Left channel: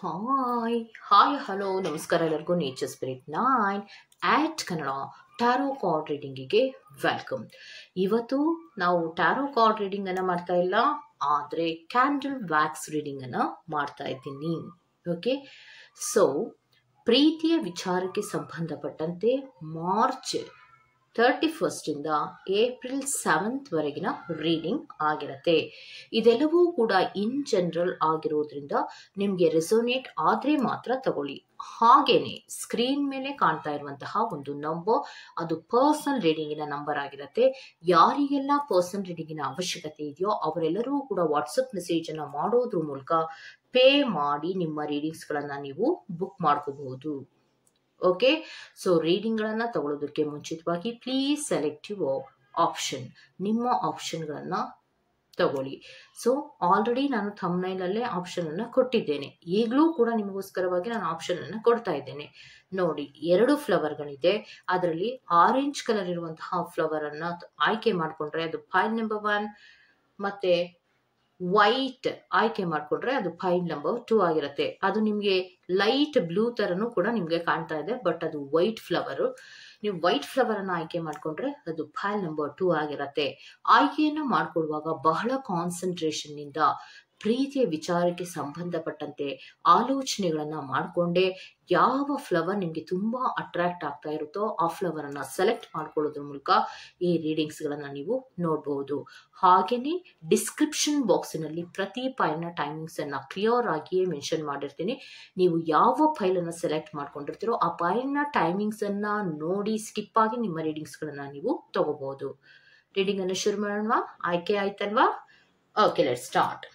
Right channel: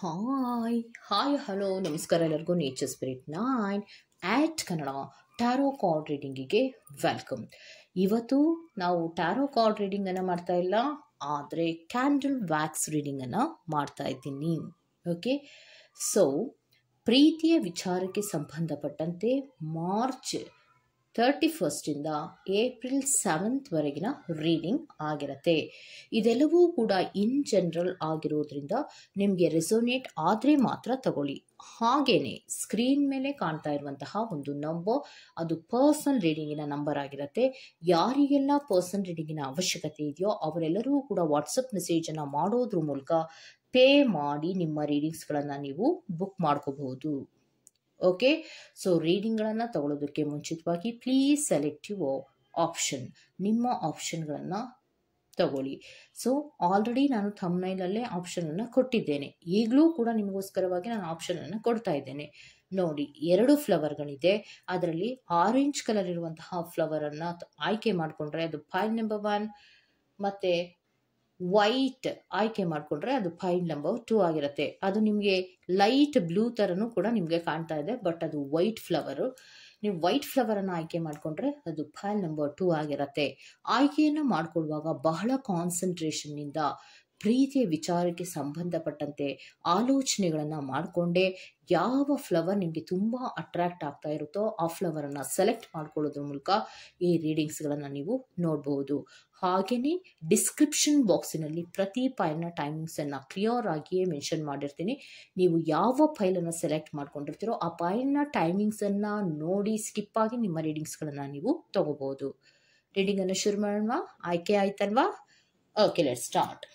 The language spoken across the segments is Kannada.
ಹಾಯ್ ಹಾಯ್ ಹಲೋ ನಮಸ್ಕಾರ ಎಲ್ಲರಿಗೂ ನೇಚರ್ ಸ್ಪಿರಿಟ್ 9 ಆಟ್ ಕನ್ನಡ ಟ್ಯಾರೋ ಕಾರ್ಡ್ ರೀಡಿಂಗಿಗೆ ವೆಲ್ಕಮ್. ಇವತ್ತು ನಾವು ಟ್ಯಾರೋ ಕಾರ್ಡ್ ರೀಡಿಂಗ್ ಅನ್ನು ಮಾಡ್ತಾ ಇಲ್ಲ, ಆದರೆ ಕ್ಯಾಂಡಲ್ ವ್ಯಾಕ್ಸ್ ರೀಡಿಂಗ್ ಅನ್ನು ಮಾಡ್ತಾ ಇದ್ದೀನಿ. ಓಕೆ, ಸೊ ಪ್ರೀತಿಯ ವಿಚಾರಕ್ಕೆ ಸಂಬಂಧಪಟ್ಟಂತೆ ಮಾರ್ಚ್ 31 ಇಂದ ಏಪ್ರಿಲ್ 7 ವರೆಗಿನ ರೀಡಿಂಗ್ ಆಗಿರುತ್ತೆ. ಇದೆಲ್ಲವೂ ಕೂಡ ಇನ್ ಜನರಲ್ ಆಗಿರೋದ್ರಿಂದ ನಿಮಗೆ ರೆಸೋನೇಟ್ ಆದರೆ ಮಾತ್ರ ತಗೊಳ್ಳಿ. ಹಾಗೇನೆ ಸ್ಕ್ರೀನ್ ಮೇಲೆ ಕಾಣ್ತಾ ಇರುವಂತಹ ಒಂದು ನಂಬರ್, ಅದು ಪರ್ಸನಲ್ ರೀಡಿಂಗಿನ ನಂಬರ್ ಆಗಿರುತ್ತೆ. ಯಾರಿಗೆಲ್ಲ ಪರ್ಸನಲ್ ರೀಡಿಂಗಿನ ಅವಶ್ಯಕತೆ ಇದೆಯೋ ಅವರೆಲ್ಲರೂ ಕೂಡ ವಾಟ್ಸಪ್ ಮೆಸೇಜ್ ಅನ್ನ ಮಾಡೋದ್ರ ಮೂಲಕ ಪೇ ಮಾಡಿ ನಿಮ್ಮ ರೀಡಿಂಗ್ಸ್ಗಳನ್ನು ನೀವು ಬುಕ್ ಮಾಡ್ಕೋಬಹುದು. ಓಕೆ, ಸೊ ರೀಡಿಂಗ್ಗಳನ್ನು ತಗೊಳ್ಳೋದಕ್ಕೆ ಮುಂಚಿತವಾಗಿ ಪ್ಲೀಸ್ ಸೆಲೆಕ್ಟ್ ಯುವರ್ ಆಪ್ಷನ್. ನಿಮ್ಮ ಆಪ್ಷನ್ಗಳನ್ನು ತಗೊಳ್ಳಿ. ಸೊ ಆಲ್ರೆಡಿ ನಾನು ಥಂಬ್ನೈಲಲ್ಲೇ ಆಪ್ಷನನ್ನು ಕೊಟ್ಟಿದ್ದೇನೆ, ಈಗಲೂ ಕೂಡ ನಿಮಗೋಸ್ಕರವಾಗಿ ನಾನು ಆಪ್ಷನನ್ನು ಕೊಡ್ತಾ ಇದ್ದೇನೆ. ನೋಡಿ, 2 ಫ್ಲವರ್ಗಳಿದೆ. ಅದರಲ್ಲಿ ಆರೆಂಜ್ ಕಲರ್ ಇರುವಂತಹ ಫ್ಲವರನ್ನು ಆಯ್ಕೆ ಮಾಡಿಕೊಂಡ್ರೆ ಅದು ಪೈಲ್ ನಂಬರ್ 1, ಮತ್ತು ವೈಟ್ ಆಯ್ಕೆ ಮಾಡಿಕೊಂಡ್ರೆ ಅದು ಪೈಲ್ ನಂಬರ್ 2 ಆಗಿರುತ್ತೆ. ಅದು ನಿಮಗೆ ಲೈಟ್ ಬ್ಲೂ ಥರನೂ ಕೂಡ ನಿಮಗೆ ಕಾಣ್ತಾ ಇದೆ, ಬಟ್ ಅದು ವೈಟ್ ಫ್ಲವರು. ನೀವು ವೈಟ್ ಫ್ಲವರನ್ನು ಆಯ್ಕೆ ಮಾಡಿಕೊಂಡ್ರೆ ಅದು ಪೈಲ್ ನಂಬರ್ 2 ಆಗಿರುತ್ತೆ. ಆಯ್ಕೆಯನ್ನು ಮಾಡಿಕೊಳ್ಳುವಾಗ ಬಹಳ ಕಾನ್ಸಂಟ್ರೇಷನ್ನಿಂದ ಪ್ರೀತಿಯ ವಿಚಾರಕ್ಕೆ ಸಂಬಂಧಪಟ್ಟಂತೆ ಆಲೋಚನೆಗಳನ್ನು ಮಾಡಿಕೊಂಡೆ ಯಾವ ಫ್ಲವರ್ ನಿಮಗೆ ತುಂಬ ಅಟ್ರಾಕ್ಟ್ ಆಗ್ತಾ ಇರುತ್ತೋ ಆ ಫ್ಲವರನ್ನು ಸೆಲೆಕ್ಟ್ ಮಾಡ್ಕೊಳ್ಳೋದ್ರ ಮೂಲಕ ಈ ರೀಡಿಂಗ್ಸ್ಗಳನ್ನು ನೀವು ನೋಡಬಹುದು. ಹಾಗೆಯೇ ಡಿಸ್ಕ್ರಿಪ್ಷನ್ ಬಾಕ್ಸಿನಲ್ಲಿ ಪ್ರತಿ ಫೈಲ್ನ ಟೈಮಿಂಗ್ಸನ್ನು ಕ್ಲಿಯರ್ ಆಗಿಯೇ ಮೆನ್ಷನ್ ಮಾಡಿರ್ತೀನಿ. ನೀವು ಯಾವ ಫೈಲನ್ನು ಸೆಲೆಕ್ಟ್ ಮಾಡ್ಕೊಂಡಿರ್ತೀರೋ ಆ ಫೈಲ್ನ ಟೈಮಿಂಗ್ಸನ್ನು ನೋಡಿ ಸ್ಕಿಪ್ ಆಗಿ ನಿಮ್ಮ ರೀಡಿಂಗ್ಸ್ಗಳನ್ನು ನೀವು ತಗೋಬಹುದು. ರೀಡಿಂಗನ್ನು ಶುರು ಮಾಡೋಣ. ಆಯ್ಕೆ ಆಯ್ತಲ್ವಾ? Okay, let's start.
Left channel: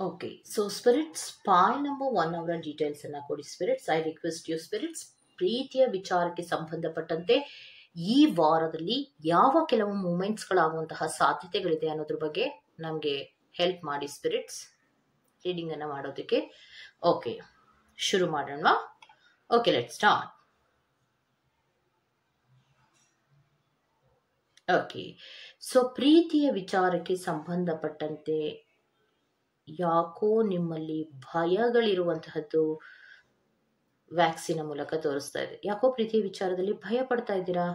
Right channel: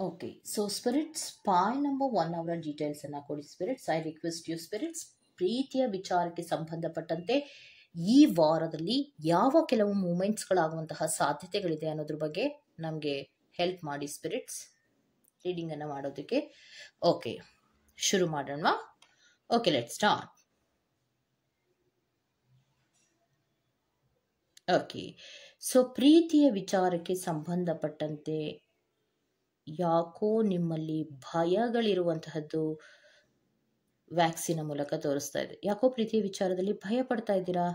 Okay, so spirits file number 1 ಅವರ ಡೀಟೇಲ್ಸ್ ಅನ್ನ ಕೊಡಿ spirits. I request you spirits, ಪ್ರೀತಿಯ ವಿಚಾರಕ್ಕೆ ಸಂಬಂಧಪಟ್ಟಂತೆ ಈ ವಾರದಲ್ಲಿ ಯಾವ ಕೆಲವು ಮೂಮೆಂಟ್ಸ್ಗಳಾಗುವಂತಹ ಸಾಧ್ಯತೆಗಳಿದೆ ಅನ್ನೋದ್ರ ಬಗ್ಗೆ ನಮಗೆ ಹೆಲ್ಪ್ ಮಾಡಿ ಸ್ಪಿರಿಟ್ಸ್ ರೀಡಿಂಗ್ ಅನ್ನ ಮಾಡೋದಕ್ಕೆ. ಓಕೆ, ಶುರು ಮಾಡೋಣ. Okay, let's start. Okay, so ಪ್ರೀತಿಯ ವಿಚಾರಕ್ಕೆ ಸಂಬಂಧಪಟ್ಟಂತೆ ಯಾಕೋ ನಿಮ್ಮಲ್ಲಿ ಭಯಗಳಿರುವಂತಹದ್ದು ವ್ಯಾಕ್ಸಿನ ಮೂಲಕ ತೋರಿಸ್ತಾ ಇದೆ. ಯಾಕೋ ಪ್ರೀತಿಯ ವಿಚಾರದಲ್ಲಿ ಭಯ ಪಡ್ತಾ ಇದ್ದೀರಾ?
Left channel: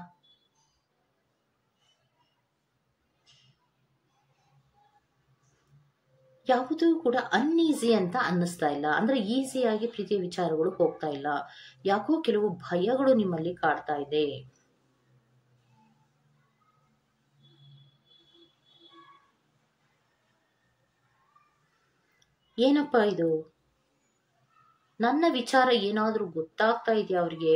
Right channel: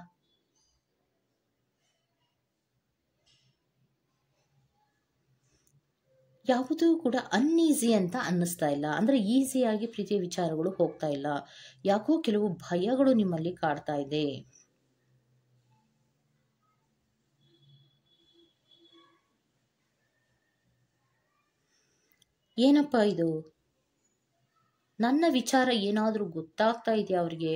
ಯಾವುದೂ ಕೂಡ ಅನ್ಈಸಿ ಅಂತ ಅನ್ನಿಸ್ತಾ ಇಲ್ಲ, ಅಂದ್ರೆ ಈಸಿಯಾಗಿ ಪ್ರೀತಿಯ ವಿಚಾರಗಳು ಹೋಗ್ತಾ ಇಲ್ಲ. ಯಾಕೋ ಕೆಲವು ಭಯಗಳು ನಿಮ್ಮಲ್ಲಿ ಕಾಡ್ತಾ ಇದೆ. ಏನಪ್ಪಾ ಇದು, ನನ್ನ ವಿಚಾರ ಏನಾದರೂ ಗೊತ್ತಾಗ್ತಾ ಇದೆಯಾ ಅವರಿಗೆ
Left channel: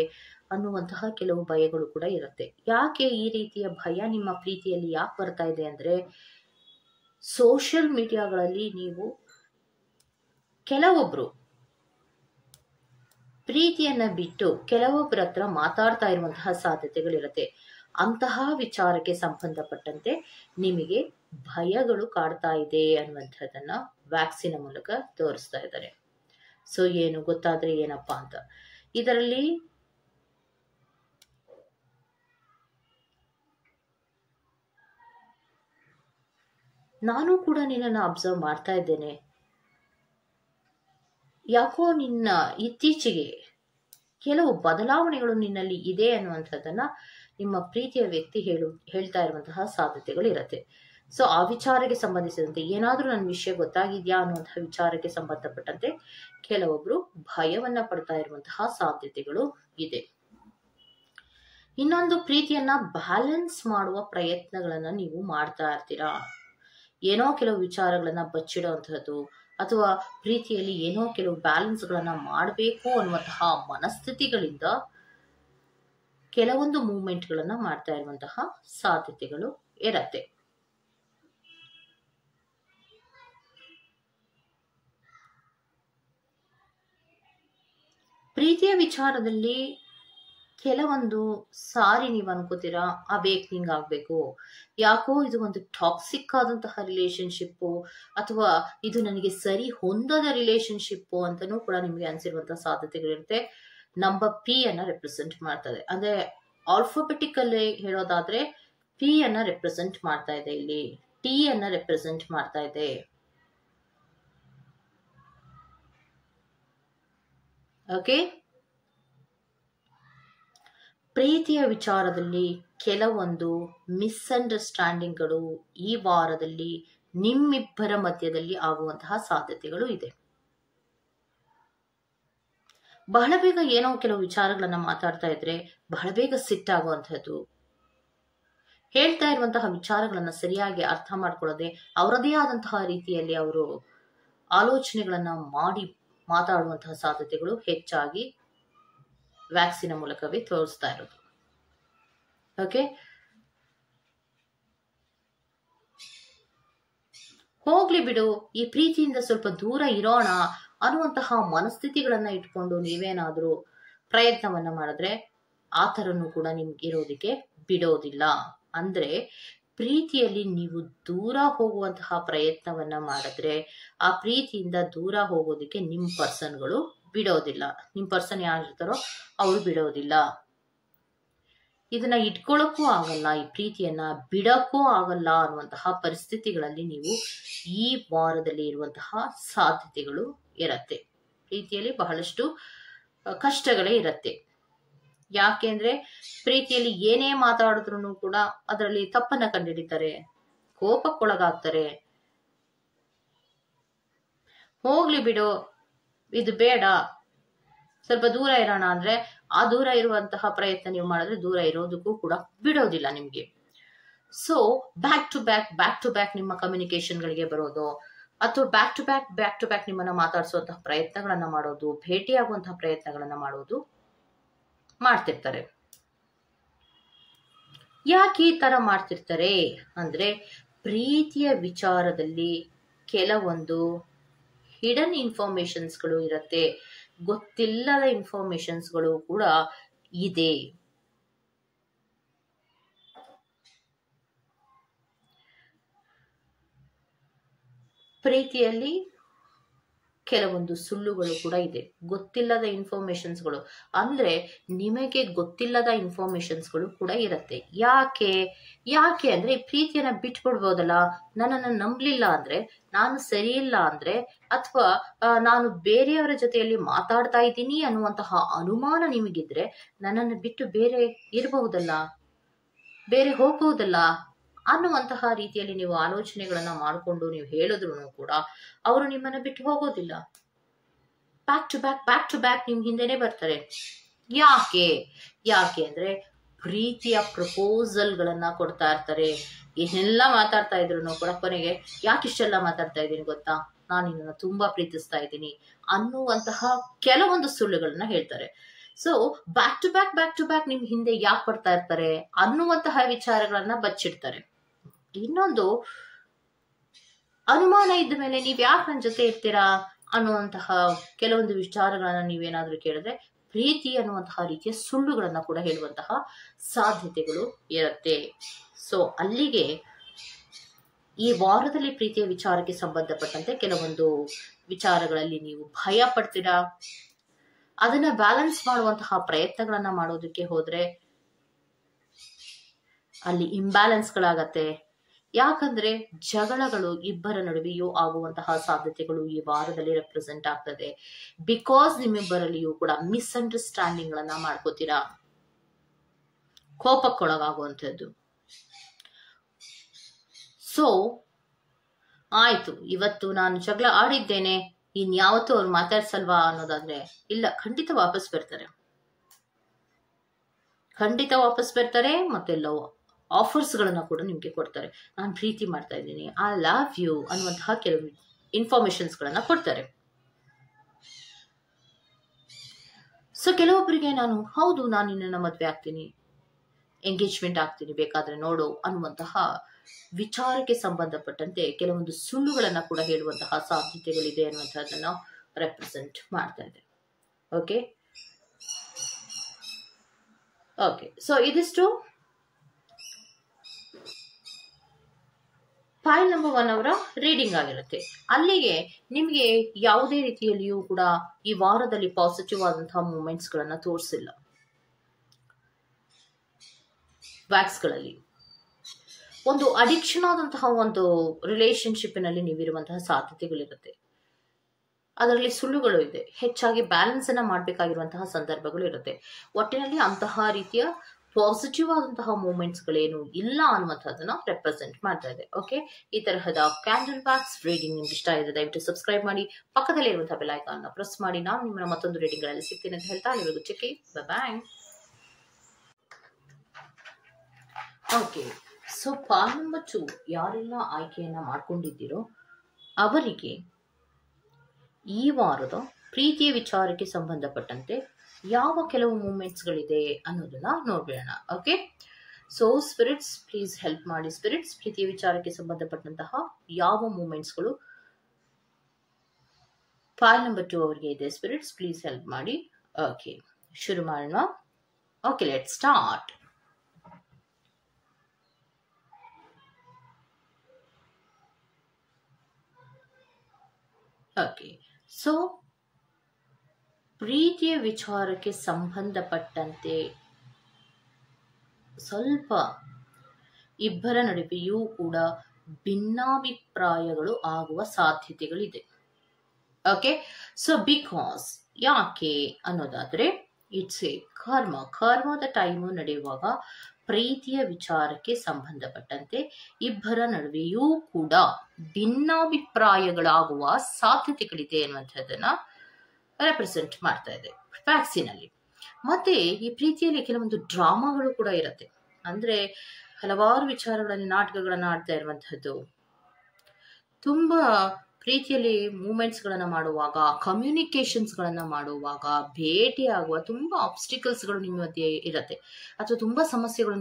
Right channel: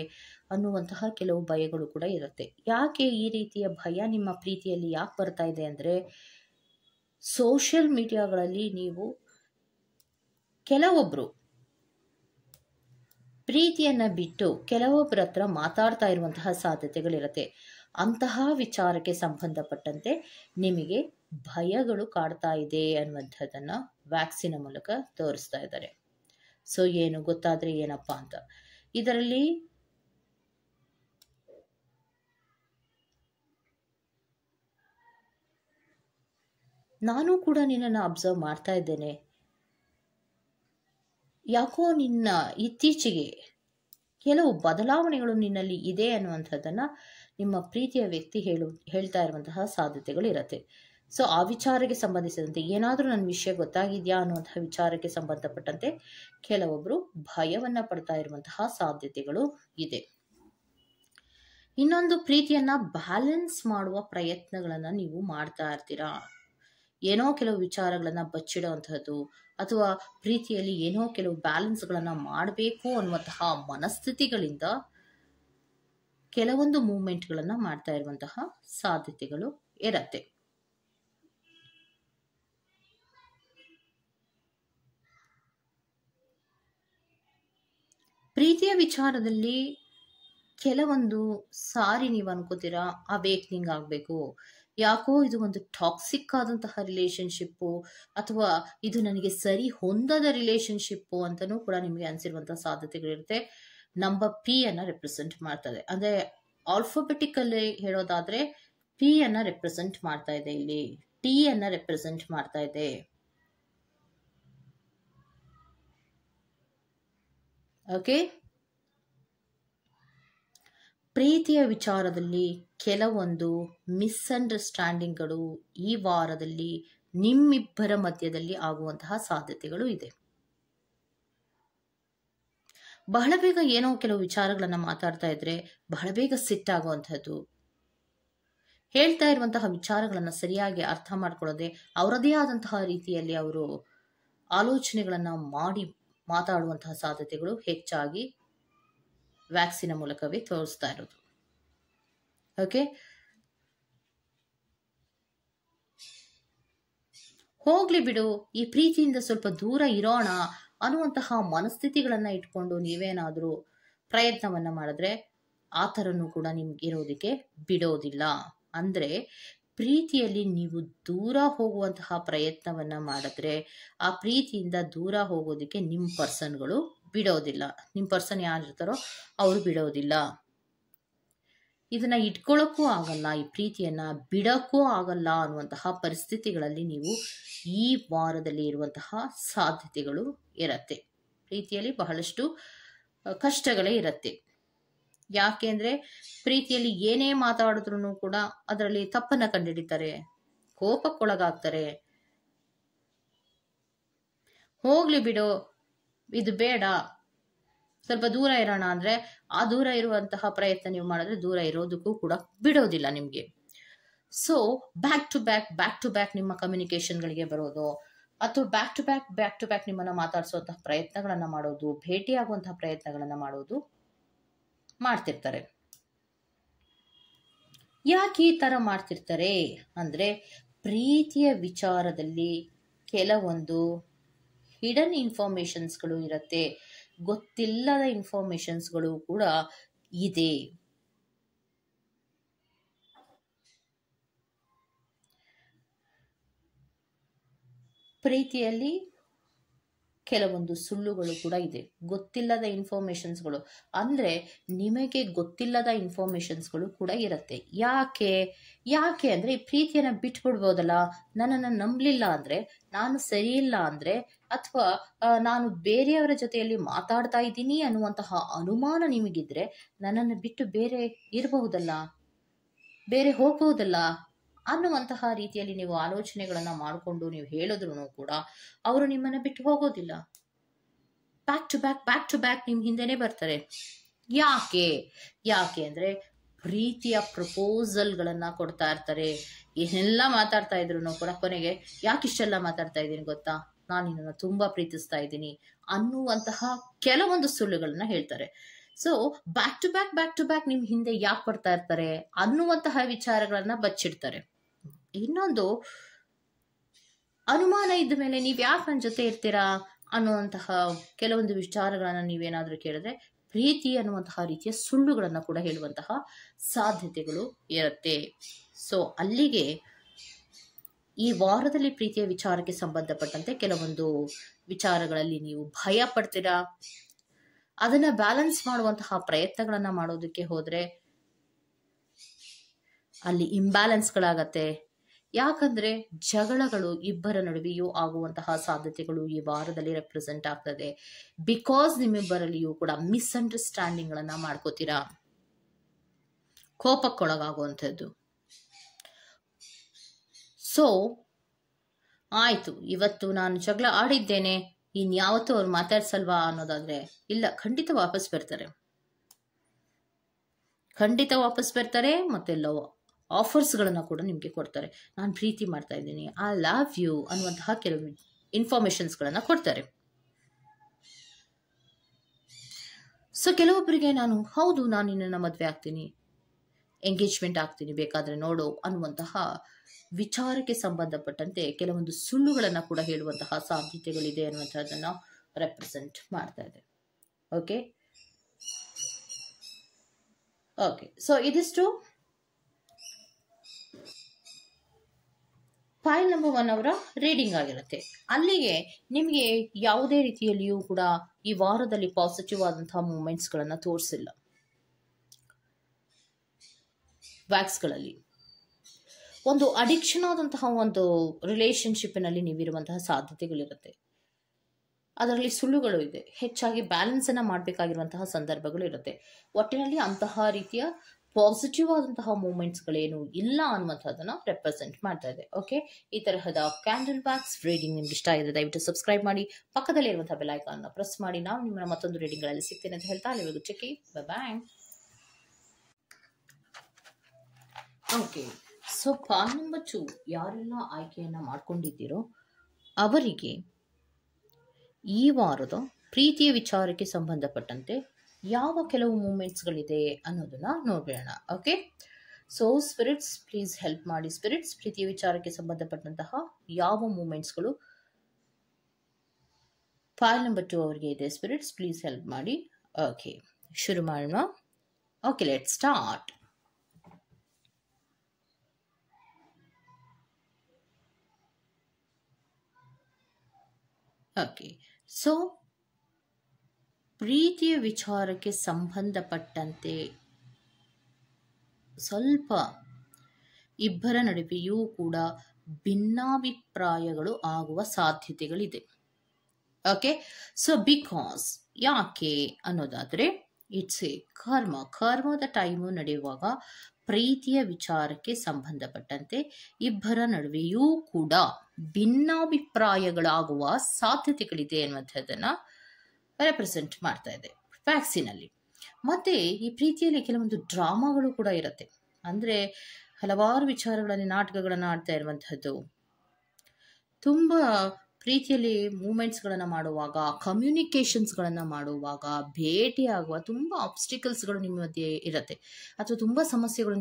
ಅನ್ನುವಂತಹ ಕೆಲವು ಭಯಗಳು ಕೂಡ ಇರುತ್ತೆ. ಯಾಕೆ ಈ ರೀತಿಯ ಭಯ ನಿಮ್ಮ ಪ್ರೀತಿಯಲ್ಲಿ ಯಾಕೆ ಬರ್ತಾ ಇದೆ ಅಂದ್ರೆ, ಸೋಷಿಯಲ್ ಮೀಡಿಯಾಗಳಲ್ಲಿ ನೀವು ಕೆಲವೊಬ್ರು ಪ್ರೀತಿಯನ್ನ ಬಿಟ್ಟು ಕೆಲವೊಬ್ಬರ ಹತ್ರ ಮಾತಾಡ್ತಾ ಇರುವಂತಹ ಸಾಧ್ಯತೆಗಳಿರುತ್ತೆ. ಅಂತಹ ವಿಚಾರಕ್ಕೆ ಸಂಬಂಧಪಟ್ಟಂತೆ ನಿಮಗೆ ಭಯಗಳು ಕಾಡ್ತಾ ಇದೆ ಅನ್ನುವಂಥದ್ದನ್ನ ವ್ಯಾಕ್ಸಿನ ಮೂಲಕ ತೋರಿಸ್ತಾ ಇದ್ದಾರೆ. ಸೊ ಏನು ಗೊತ್ತಾದ್ರೆ ಏನಪ್ಪಾ ಅಂತ, ಇದರಲ್ಲಿ ನಾನು ಕೂಡ ನಿನ್ನನ್ನು ಅಬ್ಸರ್ವ್ ಮಾಡ್ತಾ ಇದ್ದೇನೆ. ಯಾಕೋ ನಿನ್ನ ಇತ್ತೀಚೆಗೆ ಕೆಲವು ಬದಲಾವಣೆಗಳು ನಿನ್ನಲ್ಲಿ ಇದೆ ಅನ್ನುವಂಥದ್ದನ್ನ ನಿಮ್ಮ ಪ್ರೀತಿಯ ವ್ಯಕ್ತಿ ಹೇಳ್ತಾ ಇರುವಂತಹ ಸಾಧ್ಯತೆಗಳು ಇರುತ್ತೆ. ಸೊ ಆ ವಿಚಾರಕ್ಕೆ ಸಂಬಂಧಿಸಿದಂತೆ ಏನಾದರೂ ನನ್ನ ವಿಷಯ ಗೊತ್ತಾಗಿದ್ಯಾ ಅನ್ನುವಂತಹ ವಿಚಾರಕ್ಕೆ ಸಂಬಂಧಪಟ್ಟಂತೆ ಕೆಲವೊಬ್ರು ಭಯವನ್ನ ಪಡ್ತಾ ಇರುವಂತಹ ಸಾಧ್ಯತೆಗಳು ಇದೆ. ಇನ್ನೊಂದು, ಪ್ರೀತಿಯನ್ನ ಬ್ಯಾಲೆನ್ಸ್ ಮಾಡುವ ಪ್ರಯತ್ನಗಳನ್ನ ನೀವು ಮಾಡ್ತಾ ಇರ್ತೀರಾ. ಏನೋ ಕೆಲವು ವಿಚಾರಗಳನ್ನ ಬಚ್ಚಿಡುವಂತಹದ್ದು ಅಥವಾ ಪ್ರೀತಿಯಲ್ಲಿ ಏನೋ ಕೆಲವು ಬ್ಯಾಲೆನ್ಸ್ಗಳನ್ನ ಮಾಡಬೇಕು ಅನ್ನುವಂತಹ ಮನಸ್ಥಿತಿಗಳಿಂದ ಕೆಲವೊಂದು ಮೂವ್ಮೆಂಟ್ಗಳನ್ನ ಮಾಡ್ತಾ ಇರುವಂತಹ ಸಾಧ್ಯತೆಗಳು ಇರತ್ತೆ. ಪ್ರೀತಿಯ ವಿಚಾರದಲ್ಲಿ ಕೆಲವೊಂದು ಸಾರಿ ನೀವು ಅನ್ಕೋತೀರಾ ಅವೇಕ್ನಿಂಗ್ ಆಗಬೇಕು, ಯಾಕೋ ಇದು ಒಂದು ಟಾಕ್ಸಿಕ್ ಆದಂತಹ ರಿಲೇಶನ್ಶಿಪ್ಪು ಅಥವಾ ಇದು ನನಗೆ ಸರಿ ಹೊಂದದ ರಿಲೇಶನ್ಶಿಪ್ಪು ಅಂತಲೂ ಕೂಡ ನಿಮಗೆ ಅನಿಸಿರುವಂತಹ ಸಾಧ್ಯತೆಗಳಿರುತ್ತೆ. ನಂಬರ್ ಪಿ ಅನ್ನ ರೆಪ್ರೆಸೆಂಟ್ ಮಾಡ್ತದೆ. ಅಂದ್ರೆ ಆಲ್ಫಾಬೆಟಿಕಲ್ಲಿ ಹೇಳೋದಾದ್ರೆ ಪಿ ಅನ್ನ ರೆಪ್ರೆಸೆಂಟ್ ಮಾಡ್ತಾ ಇದೆ, ಇಲ್ಲಿ ಟಿ ಅನ್ನ ರೆಪ್ರೆಸೆಂಟ್ ಮಾಡ್ತಾ ಇದೆ. ಓಕೆ, ಪ್ರೀತಿಯ ವಿಚಾರದಲ್ಲಿ ಕೆಲವೊಂದು ಮಿಸ್ಅಂಡರ್ಸ್ಟ್ಯಾಂಡಿಂಗ್ಗಳು ಈ ವಾರದಲ್ಲಿ ನಿಮ್ಮಿಬ್ಬರ ಮಧ್ಯದಲ್ಲಿ ಆಗುವಂತಹ ಸಾಧ್ಯತೆಗಳು ಇದೆ. ಬಹಳ ಬೇಗ ಏನೋ ಕೆಲವು ವಿಚಾರಗಳನ್ನ ಮಾತಾಡ್ತಾ ಇದ್ರೆ ಬಹಳ ಬೇಗ ಸಿಟ್ಟಾಗುವಂತಹದ್ದು, ಹೇಳ್ತಾ ಇರುವಂತಹ ವಿಚಾರಗಳನ್ನ ಸರಿಯಾಗಿ ಅರ್ಥ ಮಾಡ್ಕೊಳ್ಳದೆ ಅವರದೇ ಆದಂತಹ ರೀತಿಯಲ್ಲಿ ಅವರು ಆಲೋಚನೆಗಳನ್ನ ಮಾಡಿ ಮಾತಾಡುವಂತಹ ಸಾಧ್ಯತೆಗಳು ಹೆಚ್ಚಾಗಿ ವ್ಯಾಕ್ಸಿನ ಮೂಲಕವೇ ತೋರಿಸ್ತಾ ಇರೋದು. ಓಕೆ, ಹೋಗ್ಲಿ ಬಿಡು, ಈ ಪ್ರೀತಿಯಿಂದ ಸ್ವಲ್ಪ ದೂರ ಇರೋಣ ಅನ್ನುವಂತಹ ಮನಸ್ಥಿತಿಗಳನ್ನ ಇಟ್ಕೊಂಡು ನೀವೇನಾದ್ರೂ ಪ್ರಯತ್ನವನ್ನ ಮಾಡಿದ್ರೆ ಆ ಥರನೂ ಕೂಡ ನಿಮ್ಗೆ ಇರೋದಕ್ಕೆ ಬಿಡೋದಿಲ್ಲ. ಅಂದ್ರೆ ಪ್ರೀತಿಯಲ್ಲಿ ನೀವು ದೂರ ಹೋಗುವಂತಹ ಪ್ರಯತ್ನವನ್ನ ಮಾಡಿದ್ರೆ ಆ ಪ್ರೀತಿಯಿಂದ ದೂರ ಹೋಗೋದಕ್ಕೆ ನಿಮ್ಮ ಪರ್ಸನ್ಗಳು ಬಿಡೋದಿಲ್ಲ. ನಿಮ್ಮ ಪರ್ಸನ್ ಯಾರಿರ್ತಾರೋ ಅವರು ಬಿಡೋದಿಲ್ಲ. ಇದನ್ನ ಇಟ್ಕೊಳ್ಳೋಕ್ಕೂ ಆಗಲ್ಲ, ಈ ಪ್ರೀತಿಯನ್ನ ಬಿಡಕ್ಕೂ ಆಗಲ್ಲ ಅನ್ನುವಂತಹ ಪರಿಸ್ಥಿತಿಗಳಲ್ಲಿ ನೀವು ಈ ವಾರದಲ್ಲಿ ಇರುವಂತಹ ಸಾಧ್ಯತೆಗಳು ಇರತ್ತೆ. ಪ್ರೀತಿಯಲ್ಲಿ ಬಹಳಷ್ಟು ಕಷ್ಟಗಳೇ ಇರತ್ತೆ. ಯಾಕೆಂದ್ರೆ ಪ್ರೀತಿಯಲ್ಲಿ ಏನೇ ಮಾತಾಡಿದ್ರು ಕೂಡ ಅದರಲ್ಲಿ ತಪ್ಪನ್ನ ಕಂಡುಹಿಡಿತಾರೆ, ಕೋಪಕ್ಕೊಳಗಾಗ್ತಾರೆ. ಹೋಗ್ಲಿ ಬಿಡು, ಇದು ಬೇಡ, ಸ್ವಲ್ಪ ದೂರ ಇರೋಣ ಅಂದ್ರೆ ಆ ದೂರ ಇರುವಂತಹ ಪ್ರಯತ್ನ ನೀವು ಮಾಡಿದ್ರೆ ದೂರ ಇರೋದಕ್ಕೂ ಕೂಡ ಬಿಡೋದಿಲ್ಲ ನಿಮ್ಗೆ. ಸೊ ಬ್ಯಾಕ್ ಟು ಬ್ಯಾಕ್ ನಿಮ್ಮ ಕಮ್ಯುನಿಕೇಶನ್ಗಳಿಗೆ ಬರೋದು ಅಥವಾ ಬ್ಯಾಕ್ ಟು ಬ್ಯಾಕ್ ನಿಮ್ಮನ್ನ ಮಾತಾಡಿಸುವಂತಹ ಪ್ರಯತ್ನಗಳನ್ನ ಮಾಡೋದು, ಭೇಟಿಯಾಗುವಂತಹ ಪ್ರಯತ್ನಗಳನ್ನ ಮಾಡೋದು ಮಾಡ್ತಿರ್ತಾರೆ. ಯಾಕೆ ಈ ತರ ಮಾಡ್ತಿರ್ತಾರೆ ಅಂದ್ರೆ ಪ್ರೀತಿಯ ವಿಚಾರದಲ್ಲಿ ಕೆಲವೊಂದು ಹಿಡನ್ ಇನ್ಫಾರ್ಮೇಶನ್ಸ್ಗಳು ಇರತ್ತೆ, ಗೊತ್ತಿಲ್ಲದ ಇನ್ಫಾರ್ಮೇಶನ್ಸ್ಗಳು ಕೂಡ ಇದೆ. ಪ್ರೀತಿಯಲ್ಲಿ ಕೆಲವೊಂದು ಸುಳ್ಳುಗಳು ಕೂಡ ಇದೆ, ಗೊತ್ತಿಲ್ಲದ ಇನ್ಫಾರ್ಮೇಶನ್ಸ್ಗಳು. ಅಂದ್ರೆ ನಿಮಗೆ ಗೊತ್ತಿಲ್ಲದ ಇನ್ಫಾರ್ಮೇಶನ್ಸ್ಗಳು ಕೂಡ ಇರತ್ತೆ. ಯಾಕೆ ಅಂದ್ರೆ ಈ ಪ್ರೀತಿಯನ್ನ ಬಿಟ್ಬಿಡ್ಬೋದಲ್ಲ, ನನ್ನನ್ನು ನಂಬಲಿಲ್ಲ ಅಂದ್ರೆ, ನಾನು ಸರಿ ಇಲ್ಲ ಅಂದ್ರೆ, ಅಥವಾ ನಾನು ಬೇರೆಯವರ ಜೊತೆಯಲ್ಲಿ ಮಾತಾಡ್ತಾ ಇದ್ದೀನಿ ಅನ್ನುವಂತಹ ಅನುಮಾನ ನಿಮಗಿದ್ರೆ ನನ್ನನ್ನು ಬಿಟ್ಟು ಬೇರೆ ಇರಬಹುದಲ್ಲ, ಬೇರೆ ಹೋಗಬಹುದಲ್ಲ ಅನ್ನುವಂತಹ ರೀತಿಯಲ್ಲಿ ನೀವು ಆಲೋಚನೆಗಳನ್ನ ಮಾಡಿಕೊಂಡು ನೀವು ಹೇಳಿದ್ರು ಕೂಡ ಅವರು ನಿಮ್ಮನ್ನ ಬಿಟ್ಟು ಹೋಗೋದಿಲ್ಲ. ಬ್ಯಾಕ್ ಟು ಬ್ಯಾಕ್ ನಿಮ್ ಹಿಂದೆನೆ ಬರ್ತಾರೆ. ಯಾಕೆ ಅಂದ್ರೆ ಪ್ರೀತಿಯ ಪ್ರಪೋಸಲ್ ಗಳನ್ನ ಕೊಡ್ತಾ ಇರ್ತಾರೆ. ಏನೆಲ್ಲ ಮಾತಾಡ್ತಾ ಇದ್ರು ಕೂಡ ಕೊನೆಗೆ ಯಾಕಿಷ್ಟೆಲ್ಲ ಮಾತಾಡ್ತಾ ಇದ್ದೀನಿ ಗೊತ್ತಾ, ನಾನು ನಿನ್ನನ್ನು ತುಂಬಾ ಪ್ರೀತಿಸ್ತಾ ಇದ್ದೀನಿ ಅನ್ನುವಂತಹ ಕೆಲವೊಂದು ಸುಳ್ಳುಗಳನ್ನ ಹೇಳ್ತಾರೆ. ಸೊ ಬ್ಯಾಕ್ ಟು ಬ್ಯಾಕ್ ನಿಮ್ ಹಿಂದೆ ಯಾಕೆ ಬರ್ತಾ ಇರ್ತಾರೆ ಅನ್ನುವಂತಹ ವಿಚಾರಗಳನ್ನ ಬಚ್ಚಿಡ್ತಾರೆ. ಇನ್ನೊಂದು ಅನುಮಾನ ಇದ್ದ ಮೇಲೆ ನೀವ್ ಯಾಕೆ ನನ್ನ ಜೊತೆ ಇರ್ತೀರಾ ಅನ್ನುವಂತಹ ಕೆಲವೊಂದು ವಿಚಾರಗಳನ್ನ ನೀವೇನಾದ್ರೂ ಕೇಳಿದ್ರೆ ಪ್ರೀತಿ ಅನ್ನುವಂತಹ ರೀತಿಯ ಸುಳ್ಳುಗಳನ್ನ ಕೂಡ ಹೇಳುವಂತಹ ಸಾಧ್ಯತೆಗಳು ಇರುತ್ತೆ. ಸೊ ಅಲ್ಲಿಗೆ ಈ ವಾರದಲ್ಲಿ ಪ್ರೀತಿಯ ವಿಚಾರಕ್ಕೆ ಸಂಬಂಧಪಟ್ಟಂತೆ ಕೆಲವೊಂದು ವಿಚಾರಗಳಲ್ಲಿ ನೀವು ಭಯ ಪಡ್ತೀರಾ. ಅದನ್ನ ಬ್ಯಾಲೆನ್ಸ್ ಮಾಡುವಂತಹ ಪ್ರಯತ್ನಗಳನ್ನ ಮಾಡೋದಕ್ಕೆ ಹೋದ್ರೆ ಅಲ್ಲಿ ಇಂಬ್ಯಾಲೆನ್ಸ್ಗಳಾಗತ್ತೆ. ಯಾಕಂದ್ರೆ ಜಗಳಗಳು ಇಬ್ಬರ ನಡುವೆಯೂ ಆಗುವಂತಹ ಸಾಧ್ಯತೆಗಳು ಈ ವಾರದಲ್ಲಿ ರೆಪ್ರೆಸೆಂಟ್ ಆಗ್ತದೆ. ಬಿಕಾಸ್ ನಿಮ್ಮಿಬ್ಬರಲ್ಲಿಯೂ ಕೂಡ ಮಿಸ್ಅಂಡರ್ಸ್ಟ್ಯಾಂಡಿಂಗ್ ಗಳನ್ನ ಮಾಡ್ಕೋತೀರಾ, ಕೋಪಕ್ಕೊಳಗಾಗುವಂಥದ್ದು. ಸೊ ಆಯ್ತು, ಇವತ್ತು ನಾನು ಜಗಳ ಆಡಿದ್ದೇನೆ, ಇನ್ಯಾವತ್ತೂ ಅವ್ರು ಮಾತಾಡ್ಸಲ್ವಾ ಅನ್ನೋದಾದ್ರೆ ಇಲ್ಲ, ಖಂಡಿತ ವಾಪಸ್ ಬರ್ತಾರೆ. ಮತ್ತೆಲ್ಲೋ ಆಫರ್ಸ್ ಗಳನ್ನ ಕೂಡ ನಿಮ್ಗೆ ಕೊಡ್ತಾರೆ. ನಾನು ಪ್ರೀತಿ ಮಾಡ್ತಾ ಇದ್ದೀನಿ, ಐ ಲವ್ ಯು ಅನ್ನುವಂತಹ ಕೆಲವು ಇನ್ಫಾರ್ಮೇಶನ್ಸ್ ಗಳನ್ನ ಕೊಡ್ತಾರೆ. ಸೊ ಕೆಲವೊಬ್ಬರಿಗೆ ಹೌದು ನಾನು ನಿನ್ನ ಮದ್ವೆ ಆಗ್ತೀನಿ, ಎಂಗೇಜ್ಮೆಂಟ್ ಆಗ್ತೀನಿ, ಬೇಕಾದ್ರೆ ನೋಡು ಅನ್ನುವಂತಹ ವಿಚಾರಕ್ಕೆ ಸಂಬಂಧಪಟ್ಟಂತೆ ಕೆಲವೊಂದು ಸುಳ್ಳುಗಳನ್ನ ಕೂಡ ಹೇಳುವಂತಹ ಸಾಧ್ಯತೆಗಳಿದೆ ಅನ್ನುವಂಥದ್ದನ್ನ ರೆಪ್ರೆಸೆಂಟ್ ಮಾಡ್ತಾ ಇದೆ. ಓಕೆ, ಓಕೆ, ಸೊ ಇದಿಷ್ಟು ಫೈಲ್ ನಂಬರ್ 1 ಅವರ ರೀಡಿಂಗ್ ಆಗಿರುತ್ತೆ. ಅಲ್ಲಿಗೆ ನಿಮಗೆ ಯಾವುದೇ ರೀತಿಯಲ್ಲಿಯೂ ಕೂಡ ಈ ವಾರದಲ್ಲಿ ಪಾಸಿಟಿವ್ ಆದಂತಹ ಮೂಮೆಂಟ್ಸ್ ಗಳನ್ನ ತೋರಿಸಿಲ್ಲ. ವ್ಯಾಕ್ಸ್ಗಳಲ್ಲಿ ಒಂದು ಅಡಿಕ್ಷನ್ ಆದಂತಹ ಒಂದು ರಿಲೇಶನ್ಶಿಪ್ನಲ್ಲಿ ನೀವಿರುವಂತಹ ಸಾಧ್ಯತೆಗಳಿರುತ್ತೆ. ಅದರಲ್ಲಿ ಸುಳ್ಳುಗಳು ಇದೆ, ಹೆಚ್ಚಾಗಿ ಬ್ಯಾಲೆನ್ಸ್ ಅನ್ನ ಮಾಡಬೇಕಾಗಿರುವಂತಹ ಸಂದರ್ಭಗಳು ಇರುತ್ತೆ. ಒಟ್ಟಿನಲ್ಲಿ ಅಂತಹ ರೀತಿಯ ಪಾಸಿಟಿವ್ ಆದಂತಹ ಮೂಮೆಂಟ್ಸ್ ಗಳೇನು ಇಲ್ಲ ಅನ್ನುವಂಥದ್ದನ್ನ ರೆಪ್ರೆಸೆಂಟ್ ಮಾಡ್ತಾ ಇದೆ. ಓಕೆ, ಈ ತರಹದ ಕ್ಯಾಂಡಲ್ ವ್ಯಾಕ್ಸ್ ರೀಡಿಂಗ್ ನಿಮ್ಗೆ ಇಷ್ಟ ಇದೆ ದಯವಿಟ್ಟು ಸಬ್ಸ್ಕ್ರೈಬ್ ಮಾಡಿ, ಪಕ್ಕದಲ್ಲಿ ಇರುವಂತಹ ಬೆಲ್ ಐಕಾನ್ ಪ್ರೆಸ್ ಮಾಡಿ. ನಾನು ನಿಮ್ಮನ್ನ ಮತ್ತೊಂದು ರೀಡಿಂಗ್ ಗಳಲ್ಲಿ ಸಿಗ್ತೇನೆ ಅಂತ ಹೇಳ್ತಾ ಅಲ್ಲಿವರೆಗೂ ಚೆಕ್ ಬಾಯ್. ಓಕೆ, ಸೊ ಪಾರ್ಟ್ ನಂಬರ್ 2 ಯಾರೆಲ್ಲ ಆಯ್ಕೆಯನ್ನ ಮಾಡ್ಕೊಂಡಿದ್ದೀರೋ ಅವರಿಗೆ ಈ ವಾರದ ಪ್ರೀತಿಯ ವಿಚಾರಕ್ಕೆ ಸಂಬಂಧಪಟ್ಟಂತೆ ಯಾವ ಕೆಲವು ಮೂಮೆಂಟ್ಸ್ಗಳಿದೆ ಅನ್ನೋದನ್ನ ನೋಡೋಣ. Okay, so spirits please help ಮಾಡಿ. ಸ್ಪಿರಿಟ್ಸ್, ಪ್ರೀತಿಯ ವಿಚಾರಕ್ಕೆ ಸಂಬಂಧಪಟ್ಟಂತಹ ಯಾವ ಮೂಮೆಂಟ್ಸ್ಗಳು ಫೈಲ್ ನಂಬರ್ 2 ಅವರಿಗೆ ಇದೆ? ಸ್ಪಿರಿಟ್ಸ್ ಪ್ಲೀಸ್ ಹೆಲ್ಪ್ ಮಾಡಿ. ಓಕೆ, ಶುರು ಮಾಡೋಣ. Okay, let's start. Okay, so ಪ್ರೀತಿಯ ವಿಚಾರಕ್ಕೆ ಸಂಬಂಧಪಟ್ಟಂತೆ ಸ್ವಲ್ಪ ಇಬ್ಬರ ನಡುವೆಯೂ ಕೂಡ ಭಿನ್ನಾಭಿಪ್ರಾಯಗಳು ಆಗುವ ಸಾಧ್ಯತೆಗಳಿದೆ. ಓಕೆ, ಸೊ ಬಿಕಾಸ್ ಯಾಕೆ ಅನ್ನೋದಾದ್ರೆ ಇಟ್ಸ್ ಎ ಕರ್ಮದ ಟೈಮು ನಡೆಯುವಾಗ ಪ್ರೀತಿಯ ವಿಚಾರಕ್ಕೆ ಸಂಬಂಧಪಟ್ಟಂತೆ ಇಬ್ಬರ ನಡುವೆಯೂ ಕೂಡ ಭಿನ್ನಾಭಿಪ್ರಾಯಗಳಾಗುವ ಸಾಧ್ಯತೆಗಳಿದೆ ಅನ್ನುವಂಥದ್ದನ್ನ ರೆಪ್ರೆಸೆಂಟ್ ಮಾಡ್ತಾ ಇದೆ ವ್ಯಾಕ್ಸಿನಲ್ಲಿ. ಮತ್ತೆ ಈ ಪ್ರೀತಿಯಲ್ಲಿ ಕೆಲವೊಂದು ಡ್ರಾಮಾಗಳು ಕೂಡ ಇರುತ್ತೆ. ಅಂದ್ರೆ ಹಲವಾರು ವಿಚಾರಗಳಲ್ಲಿ ನಾಟಕಗಳನ್ನ ಆಡ್ತಾ ಇರುವಂತಹದ್ದು. ತುಂಬಾ ಪ್ರೀತಿಯಲ್ಲಿ ಮೂಮೆಂಟ್ಸ್ ಗಳನ್ನ ಮಾಡುವಾಗ, ಕಮ್ಯುನಿಕೇಶನ್ಸ್ ಗಳನ್ನ ಮಾಡುವಾಗ, ಭೇಟಿ ಆಗುವ ತುಂಬಾ ಆಬ್ಸ್ಟಿಕಲ್ಸ್ ಗಳು ನಿಮ್ಮ ಮಧ್ಯೆ ಇರುತ್ತೆ, ಅಥವಾ ತುಂಬಾ ಸಮಸ್ಯೆಗಳು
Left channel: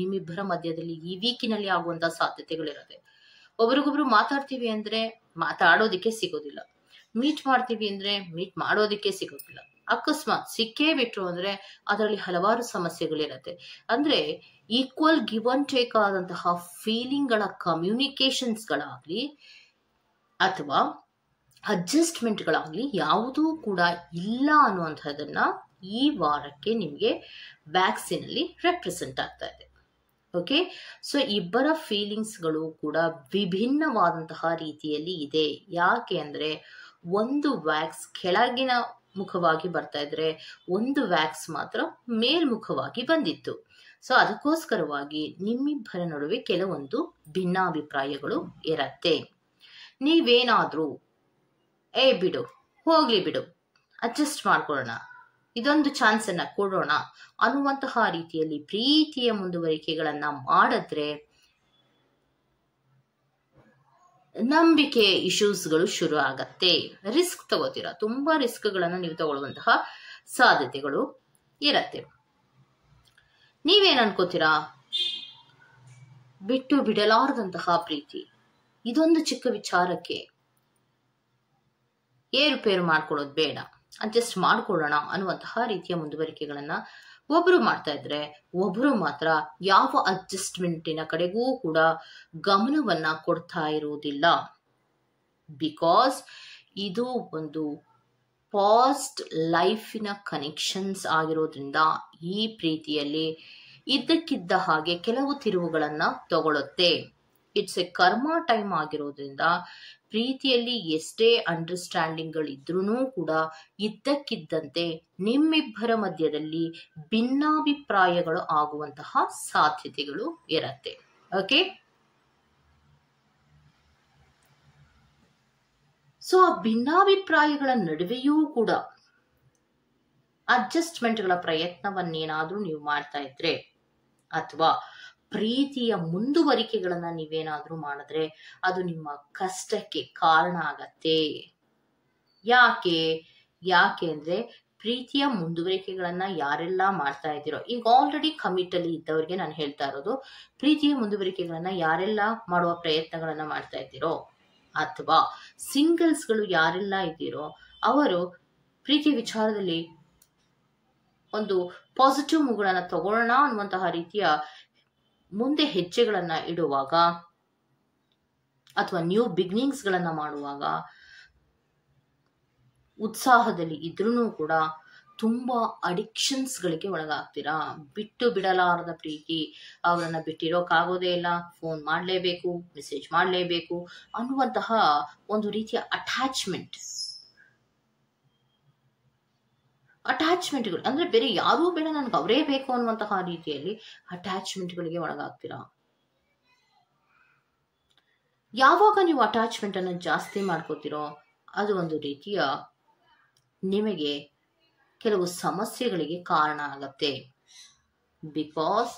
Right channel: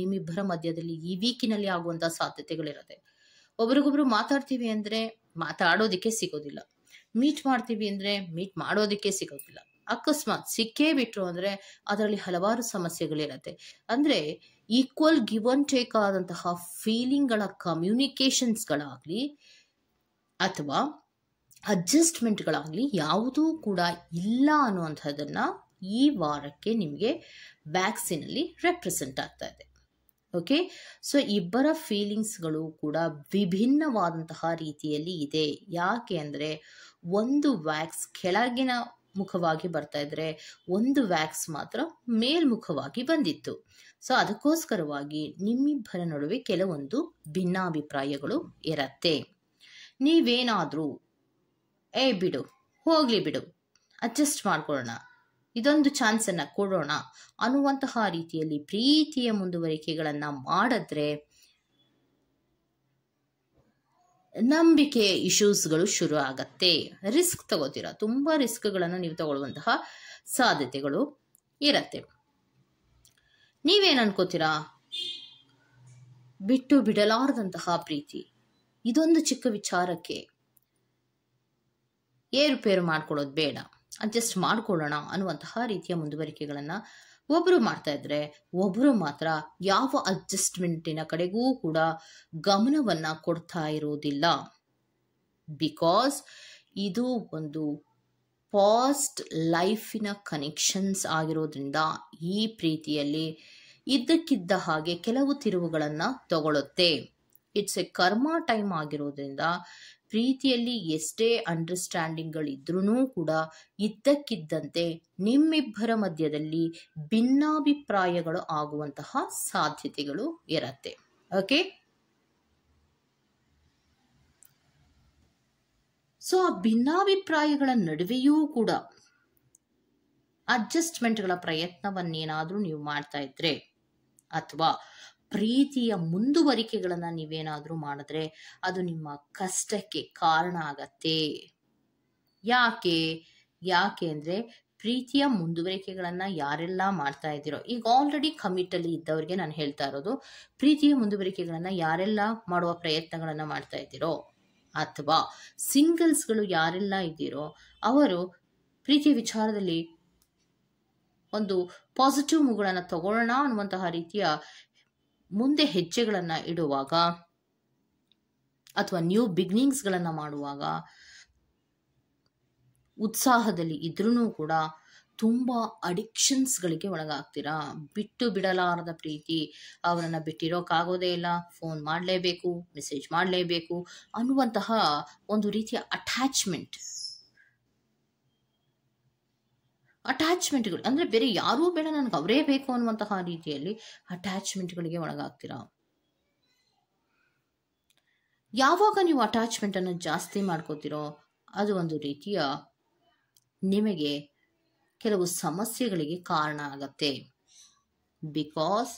ನಿಮ್ಮಿಬ್ಬರ ಮಧ್ಯದಲ್ಲಿ ಈ ವೀಕಿನಲ್ಲಿ ಆಗುವಂತಹ ಸಾಧ್ಯತೆಗಳಿರುತ್ತೆ. ಒಬ್ರಿಗೊಬ್ರು ಮಾತಾಡ್ತೀವಿ ಅಂದ್ರೆ ಮಾತಾಡೋದಿಕ್ಕೆ ಸಿಗೋದಿಲ್ಲ, ಮೀಟ್ ಮಾಡ್ತೀವಿ ಅಂದ್ರೆ ಮೀಟ್ ಮಾಡೋದಿಕ್ಕೆ ಸಿಗೋದಿಲ್ಲ. ಅಕಸ್ಮಾತ್ ಸಿಕ್ಕೇ ಬಿಟ್ರು ಅಂದ್ರೆ ಅದರಲ್ಲಿ ಹಲವಾರು ಸಮಸ್ಯೆಗಳಿರುತ್ತೆ. ಅಂದ್ರೆ ಈಕ್ವಲ್ ಗಿವ್ ಅಂಡ್ ಟೇಕ್ ಆದಂತಹ ಫೀಲಿಂಗ್ ಗಳ ಕಮ್ಯುನಿಕೇಶನ್ಸ್ ಗಳಾಗ್ಲಿ ಅಥವಾ ಅಡ್ಜಸ್ಟ್ಮೆಂಟ್ಗಳಾಗ್ಲಿ ಯಾವುದೂ ಕೂಡ ಇಲ್ಲ ಅನ್ನುವಂಥದ್ದನ್ನ ಈ ವಾರಕ್ಕೆ ನಿಮಗೆ ವ್ಯಾಕ್ಸಿನಲ್ಲಿ ರೆಪ್ರೆಸೆಂಟ್ ಆಗ್ತಾ ಇದೆ. ಓಕೆ, ಸೊ ಇಬ್ಬರ ಫೀಲಿಂಗ್ಸ್ಗಳು ಕೂಡ ವಿಭಿನ್ನವಾದಂತಹ ರೀತಿಯಲ್ಲಿ ಇದೆ. ಯಾಕೆ ಅಂದ್ರೆ ಒಂದು ವ್ಯಾಕ್ಸ್ ಕೆಳಗಿನ ಮುಖವಾಗಿ ಬರ್ತಾ ಇದ್ರೆ ಒಂದು ವ್ಯಾಕ್ಸ್ ಮಾತ್ರ ಮೇಲ್ಮುಖವಾಗಿ ಬಂದಿತ್ತು. ಸೊ ಅದಕ್ಕೋಸ್ಕರವಾಗಿ ನಿಮ್ಮಿಬ್ಬರ ನಡುವೆ ಕೆಲವೊಂದು ಭಿನ್ನಾಭಿಪ್ರಾಯಗಳು ಇರತ್ತೆ. ನೀವೇನಾದ್ರೂ ಬಿಡು, ಹೋಗ್ಲಿ ಬಿಡು, ಅಡ್ಜಸ್ಟ್ ಮಾಡ್ಕೊಳ್ಳೋಣ, ಇದೊಂದು ಚಾನ್ಸ್ ಅನ್ನ ಕೊಡೋಣ ಅನ್ನುವಂತಹ ರೀತಿಯಲ್ಲಿ ಪ್ರೀತಿಯ ಮುಂದುವರಿಕೆಗಳನ್ನ ಮಾಡಿದ್ರೆ ನಂಬಿಕೆ ಇಶ್ಯೂಸ್ಗಳು ಶುರು ಆಗತ್ತೆ. ರಿಸ್ಕ್ ತಗೋತೀರಾ, ತುಂಬಾ ರಿಸ್ಕ್ ಗಳನ್ನ ನೀವು ತಗೊಳ್ಳುವಂತಹ ಸಾಧ್ಯತೆಗಳು ಇರತ್ತೆ. ನೀವೇನ್ ಅನ್ಕೋತೀರಾ? ಬಿಟ್ಟು ಬಿಡಲಾರದಂತಹ ಪ್ರೀತಿ, ಇದೊಂದು ಚಿಕ್ಕ ವಿಚಾರಕ್ಕೆ ಏರುಪೇರು ಮಾಡ್ಕೊಳ್ಳೋದು ಬೇಡ, ಅಡ್ಜಸ್ಟ್ ಮಾಡ್ಕೊಳ್ಳೋಣ ಅನ್ನುವಂತಹ ರೀತಿಯ ಮುಂದುವರಿಕೆಗಳನ್ನ ಒಬ್ರು ಮಾಡ್ತಾ ಇದ್ರೆ ಒಬ್ರು ಮಾತ್ರ ಯಾವ ಅಡ್ಜಸ್ಟ್ಮೆಂಟಿನ ಕಡೆಗೂ ಕೂಡ ಗಮನವನ್ನ ಕೊಡ್ತಾ ಇರುವುದಿಲ್ಲ. ಬಿಕಾಸ್ ಇದು ಒಂದು ಪಾಸ್ಟ್ ಲೈಫಿನ ಕನೆಕ್ಷನ್ಸ್ ಆಗಿರೋದ್ರಿಂದ ಈ ಪ್ರೀತಿಯಲ್ಲಿ ಇದ್ದಕ್ಕಿದ್ದ ಹಾಗೆ ಕೆಲವು ತಿರುವುಗಳನ್ನ ತಗೊಳುತ್ತೆ. ಇಟ್ಸ್ ಎ ಕರ್ಮ ಟೈಮ್ ಆಗಿರೋದ್ರಿಂದ ಪ್ರೀತಿಯಲ್ಲಿ ಎಷ್ಟೇ ಅಂಡರ್ಸ್ಟ್ಯಾಂಡಿಂಗ್ಗಳಿದ್ರೂ ಕೂಡ ಇದ್ದಕ್ಕಿದ್ದಂತೆ ನಿಮ್ಮಿಬ್ಬರ ಮಧ್ಯದಲ್ಲಿ ಭಿನ್ನಾಭಿಪ್ರಾಯಗಳು ಆಗುವಂತಹ ಸಾಧ್ಯತೆಗಳು ಇರತ್ತೆ. ಓಕೆ, ಸೊ ಆ ಭಿನ್ನಾಭಿಪ್ರಾಯಗಳ ನಡುವೆಯೂ ಕೂಡ ಅಡ್ಜಸ್ಟ್ಮೆಂಟ್ಗಳ ಪ್ರಯತ್ನವನ್ನೇನಾದ್ರೂ ನೀವು ಮಾಡ್ತಾ ಇದ್ರೆ ಅಥವಾ ಪ್ರೀತಿಯ ಮುಂದುವರಿಕೆಗಳನ್ನ ನೀವೇನಾದ್ರೂ ಮಾಡಿದ್ರೆ ಅದು ನಿಮ್ಮ ಕಷ್ಟಕ್ಕೆ ಕಾರಣ ಆಗತ್ತೆ. ಯಾಕೆ ಅಂದ್ರೆ ಪ್ರೀತಿಯ ಮುಂದುವರಿಕೆಗಳನ್ನ ಯಾರೆಲ್ಲ ಮಾಡ್ತಾ ಇದ್ದೀರೋ, ಈಗ ಆಲ್ರೆಡಿ ಕಮಿಟ್ ಅಲ್ಲಿ ಇದ್ದವ್ರಿಗೆ ನಾನು ಹೇಳ್ತಾ ಇರೋದು, ಪ್ರೀತಿಯ ಮುಂದುವರಿಕೆಗಳನ್ನ ಯಾರೆಲ್ಲ ಮಾಡುವ ಪ್ರಯತ್ನಗಳನ್ನ ಮಾಡ್ತಾ ಇದ್ದೀರೋ ಅಥವಾ ಸಿಂಗಲ್ಸ್ಗಳು ಯಾರೆಲ್ಲ ಇದ್ದೀರೋ ಅವರು ಪ್ರೀತಿಯ ವಿಚಾರದಲ್ಲಿ ಒಂದು ಪಾಸಿಟಿವ್ ಮೂವ್ಗಳನ್ನು ತಗೊಳ್ಳೋಣ ಅನ್ನುವಂತಹ ರೀತಿಯ ಮುಂದೆ ಹೆಜ್ಜೆಗಳನ್ನ ಇಡುವಾಗ ಅಥವಾ ನ್ಯೂ ಬಿಗಿನಿಂಗ್ಸ್ಗಳನ್ನ ಮಾಡುವಾಗ ಉತ್ಸಾಹದಲ್ಲಿ ಇದ್ರೂ ಕೂಡ ತುಂಬಾ ಅಡಿಕ್ಷನ್ಸ್ಗಳಿಗೆ ಒಳಗಾಗ್ತೀರಾ. ಬಿಟ್ಟು ಬಿಡಲಾರದ ಪ್ರೀತಿ, ಅವರನ್ನ ಬಿಟ್ಟಿರೋಕ್ಕಾಗೋದೇ ಇಲ್ಲ, ಫೋನ್ ಮಾಡಲೇಬೇಕು, ಮೆಸೇಜ್ ಮಾಡಲೇಬೇಕು ಅನ್ನುವಂತಹ ಒಂದು ರೀತಿಯ ಅಟ್ಯಾಚ್ಮೆಂಟ್ಗಳು ಅಂದ್ರೆ ಬೇರೆ ಯಾರೂ ಬೇಡ, ನನ್ಗೆ ಅವರೇ ಬೇಕು ಅನ್ನುವಂತಹ ರೀತಿಯಲ್ಲಿ ಅಟ್ಯಾಚ್ಮೆಂಟ್ಗಳಿಗೆ ಒಳಗಾಗ್ತೀರಾ. ಯಾವಾಗ ನೀವು ಅಟ್ಯಾಚ್ಮೆಂಟ್ ಅನ್ನು ಜಾಸ್ತಿ ಮಾಡ್ಕೋತಿರೋ ಅದು ಒಂದು ರೀತಿಯ ನಿಮಗೆ ಕೆಲವು ಸಮಸ್ಯೆಗಳಿಗೆ ಕಾರಣ ಆಗತ್ತೆ. ಬಿಕಾಸ್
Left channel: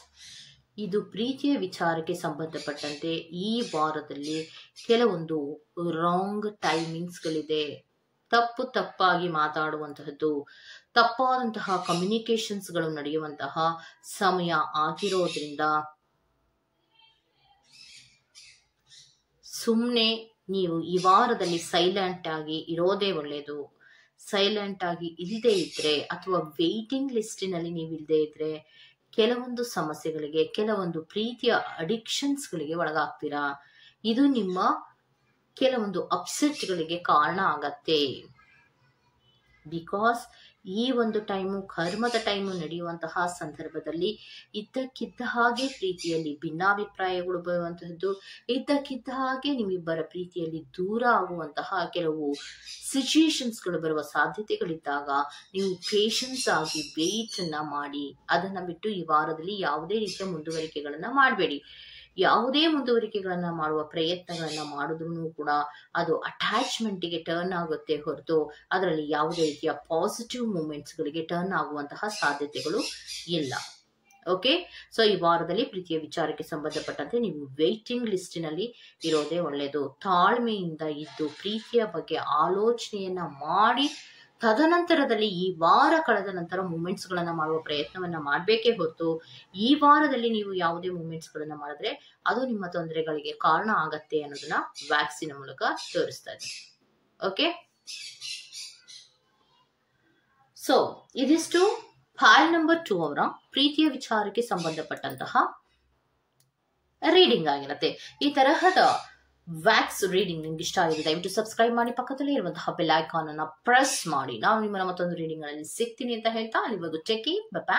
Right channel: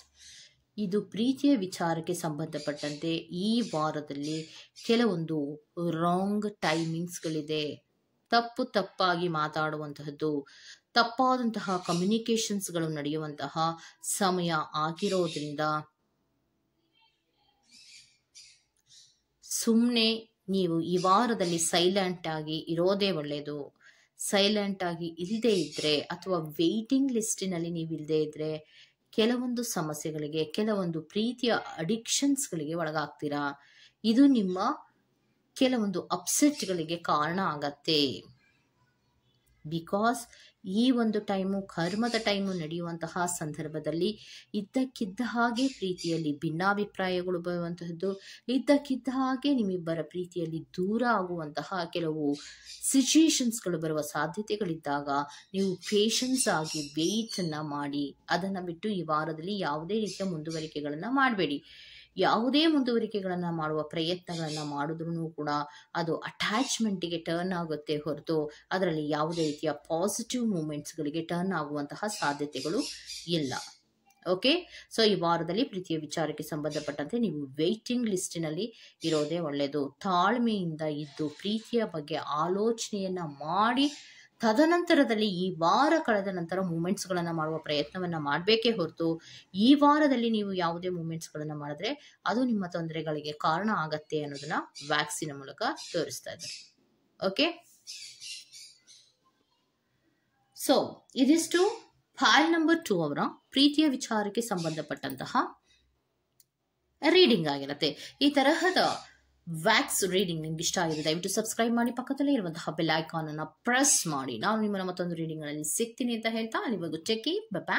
ಇದು ಪ್ರೀತಿಯ ವಿಚಾರಕ್ಕೆ ಸಂಬಂಧಪಟ್ಟಂತೆ ಈ ವಾರದಲ್ಲಿ ಕೆಲವೊಂದು ರಾಂಗ್ ಟೈಮಿಂಗ್ಸ್ಗಳಿದೆ. ತಪ್ಪಾಗಿ ಮಾತಾಡುವಂತಹದ್ದು, ತಪ್ಪಾದಂತಹ ಕಮ್ಯುನಿಕೇಶನ್ಸ್ಗಳು ನಡೆಯುವಂತಹ ಸಮಯ ಆಗಿರೋದ್ರಿಂದ ಸುಮ್ಮನೆ ನೀವು ಈ ವಾರದಲ್ಲಿ ಸೈಲೆಂಟ್ ಆಗಿ ಇರೋದೇ ಒಳ್ಳೆಯದು. ಸೈಲೆಂಟ್ ಆಗಿ ಇಲ್ಲದೆ ಇದ್ರೆ ಅಥವಾ ವೇಟಿಂಗ್ ಲಿಸ್ಟಿನಲ್ಲಿ ನೀವು ಇಲ್ಲದೆ ಇದ್ರೆ ಕೆಲವೊಂದು ಸಮಸ್ಯೆಗಳಿಗೆ, ಕೆಲವೊಂದು ಪ್ರೀತಿಯ ಅಡಿಕ್ಷನ್ಸ್ಗಳಿಗೆ ಒಳಗಾಗ್ತೀರಾ. ಇದು ನಿಮ್ಮ ಕೆಲವೊಂದು ಅಪ್ಸೆಟ್ಗಳಿಗೆ ಕಾರಣ ಆಗತ್ತೆ. ಬಿಕಾಸ್ ಈ ಒಂದು ಟೈಮು ಕರ್ಮದ ಟೈಮು ನಡೆಯುವಂತಹ ಸಂದರ್ಭದಲ್ಲಿ ಇದ್ದಕ್ಕಿದ್ದ ಹಾಗೆ ಪ್ರೀತಿಯಲ್ಲಿ ಭಿನ್ನಾಭಿಪ್ರಾಯಗಳು ಬರುವಂತಹದ್ದು, ಇದ್ದಕ್ಕಿದ್ದ ಹಾಗೆ ನಿಮ್ಮಿಬ್ಬರ ಪ್ರೀತಿಯಲ್ಲಿ ದೂರ ಆಗುವಂತಹ ಕೆಲವು ಸಿಚುಯೇಷನ್ಸ್ಗಳು ಬರುವ ಸಾಧ್ಯತೆಗಳಿದ್ದಾಗ ನೀವು ಪೇಷನ್ಸ್ ಆಗಿ ವೇಟ್ ಅನ್ನ ಮಾಡಿ ಅದನ್ನ ಬಿಟ್ಟು ಈ ವಾರದಲ್ಲಿ ಯಾವುದೇ ರೀತಿಯ ಮುಂದುವರಿಕೆಗಳನ್ನ ಮಾಡಬೇಡಿ. ಯಾವುದೇ ಮುಂದುವರಿಕೆಗಳನ್ನ ಮಾಡುವ ಪ್ರಯತ್ನಗಳನ್ನ ಮಾಡಿದ್ರೂ ಕೂಡ ಅದು ಅಟ್ಯಾಚ್ಮೆಂಟ್ಗೆ ಟರ್ನ್ ಆಗುತ್ತೆ ಹೊರತು ಅದರಲ್ಲಿ ಯಾವುದೇ ರೀತಿಯ ಪಾಸಿಟಿವ್ ಮೂಮೆಂಟ್ಸ್ಗಳಿಗೆ ಟರ್ನ್ ಆಗುವಂತಹ ಸಾಧ್ಯತೆಗಳು ಇಲ್ಲ. ಓಕೆ, ಸೊ ಈ ವಾರದಲ್ಲಿ ಪ್ರೀತಿಯ ವಿಚಾರಕ್ಕೆ ಸಂಬಂಧಪಟ್ಟಂತೆ ನೀವು ವೇಟಿಂಗ್ ಲಿಸ್ಟಿನಲ್ಲಿ ಇರೋದೇ ಒಳ್ಳೆಯದು. ತಾಳ್ಮೆಯಿಂದ ಇದ್ದು ಪ್ರೀತಿಯ ಬಗ್ಗೆ ಆಲೋಚನೆಯನ್ನ ಮಾಡಿ ತದನಂತರದಲ್ಲಿ ಈ ವಾರ ಕಳೆದ ನಂತರ ಮೂಮೆಂಟ್ಸ್ಗಳನ್ನ ಮಾಡುವ ಪ್ರಯತ್ನವನ್ನ ಮಾಡಬೇಕೇ ಹೊರತು ಈ ವಾರದಲ್ಲಿ ನೀವು ಯಾವುದೇ ಮೂಮೆಂಟ್ಸ್ಗಳನ್ನ ಮಾಡಿದ್ರೆ ಅದು ನಿಮ್ಮ ತೊಂದರೆಗಳಿಗೆ ಕಾರಣ ಆಗತ್ತೆ ಅನ್ನೋದನ್ನ ವ್ಯಾಕ್ಸಿನ್ ಮೂಲಕ ತೋರಿಸ್ತಾ ಇದೆ. ಓಕೆ, ಸೊ ಇದಿಷ್ಟು ಫೈಲ್ ನಂಬರ್ 2 ಅವರ ಪ್ರೀತಿಯ ವಿಚಾರಕ್ಕೆ ಸಂಬಂಧಪಟ್ಟಂತಹ ರೀಡಿಂಗ್ ಆಗಿರುತ್ತೆ. ಈ ತರಹದ ವ್ಯಾಕ್ಸ್ ರೀಡಿಂಗ್ ನಿಮ್ಗೆ ಇಷ್ಟ ಆಗಿದೆ ದಯವಿಟ್ಟು ಸಬ್ಸ್ಕ್ರೈಬ್ ಮಾಡಿ, ಪಕ್ಕದಲ್ಲಿ ಇರುವಂತಹ ಬೆಲ್ ಐಕಾನ್ ಅನ್ನ ಪ್ರೆಸ್ ಮಾಡಿ. ನಾನು ನಿಮ್ಮನ್ನ ಮತ್ತೊಂದು ರೀಡಿಂಗ್ ಗಳಲ್ಲಿ ಸಿಗ್ತೀನಿ ಅಂತ ಹೇಳ್ತಾ ಅಲ್ಲಿವರೆಗೂ ಟೇಕ್ ಕೇರ್, ಬೈ ಬೈ.